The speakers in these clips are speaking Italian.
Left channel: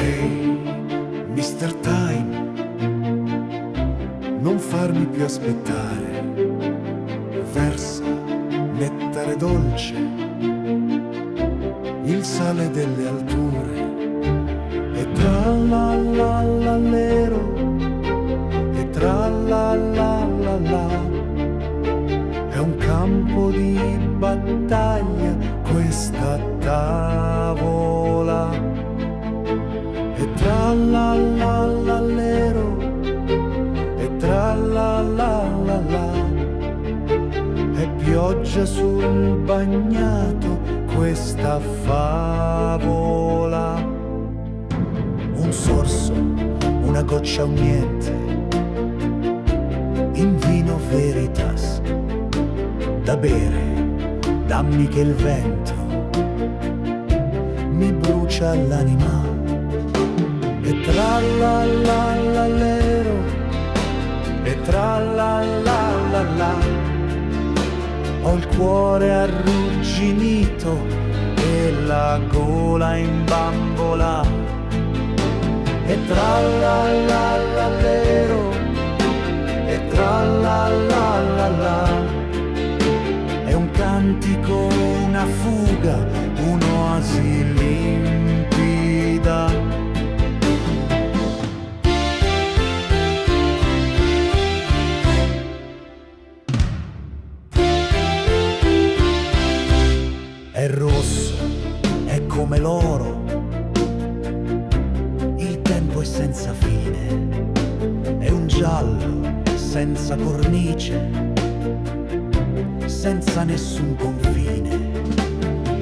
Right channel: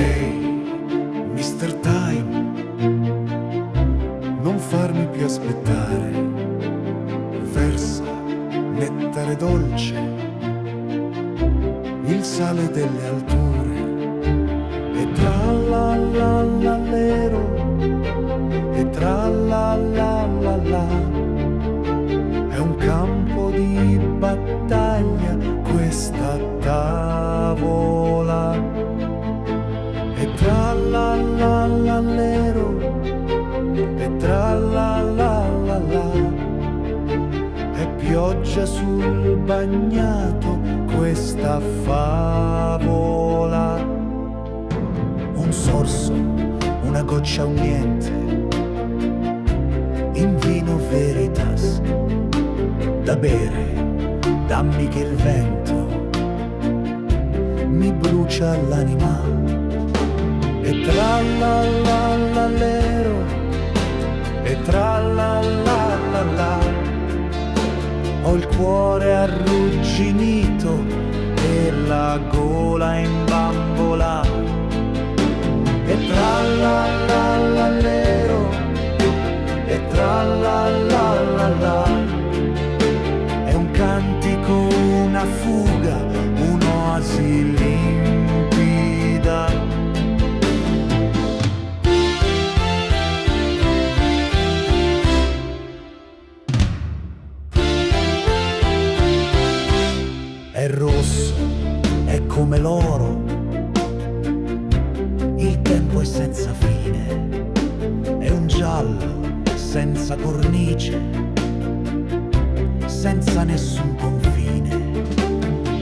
Ehi, Mr. Time, non farmi più aspettare. Versa nettare dolce, il sale delle alture, e trallallallero, e trallallallà. È un campo di battaglia questa tavola. E trallallallero, e trallallallà. È pioggia sul bagnato questa favola. Un sorso, una goccia, un niente, in vino veritas, da bere, dammi che il vento mi brucia l'anima. E trallallallero, e trallallallà. Ho il cuore arrugginito e la gola in bambola. E trallallallero, e trallallallà. È un cantico, una fuga, un'oasi limpida. È rosso, è come l'oro, il tempo è senza fine, è un giallo senza cornice, senza nessun confine.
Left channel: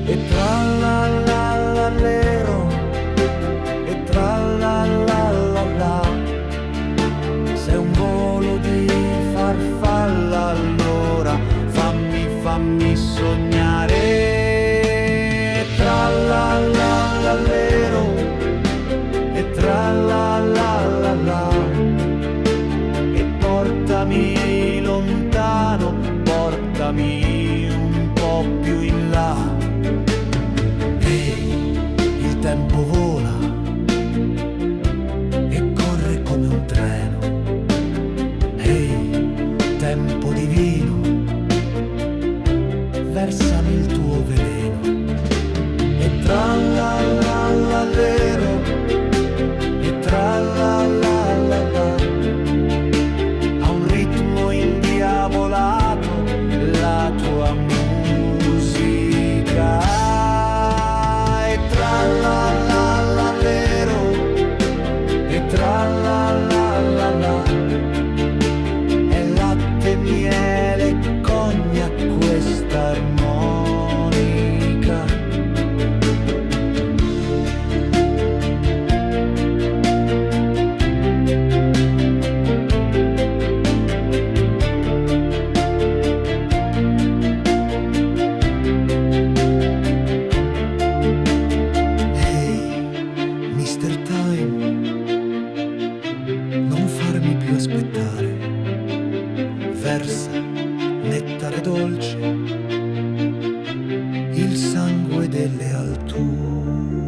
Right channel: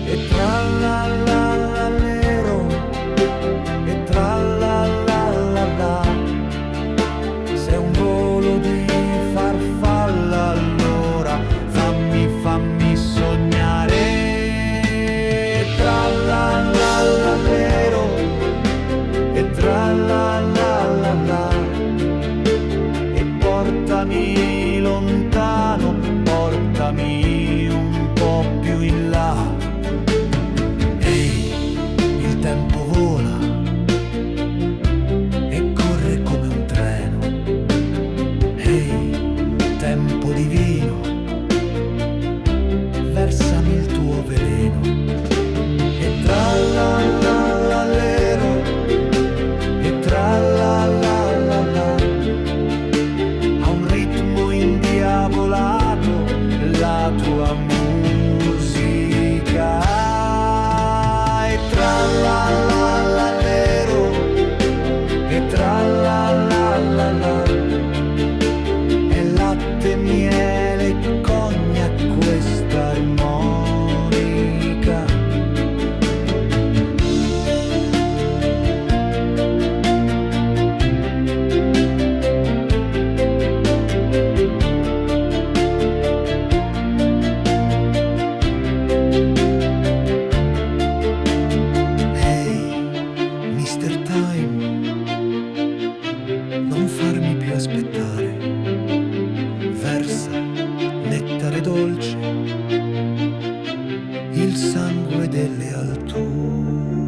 E trallallallero, e trallallallà. Se un volo di farfalla, allora fammi sognare. E trallallallero, e trallallallà. E portami lontano, portami un po' più in là. Ehi, il tempo vola e corre come un treno. Ehi, tempo divino, versami il tuo veleno. E trallallallero, e trallallallà. Ha un ritmo indiavolato la tua musica. E trallallallero, e trallallallà. È latte, miele e cognac questa armonica. Mr. Time, non farmi più aspettare. Versa nettare dolce, il sangue delle alture.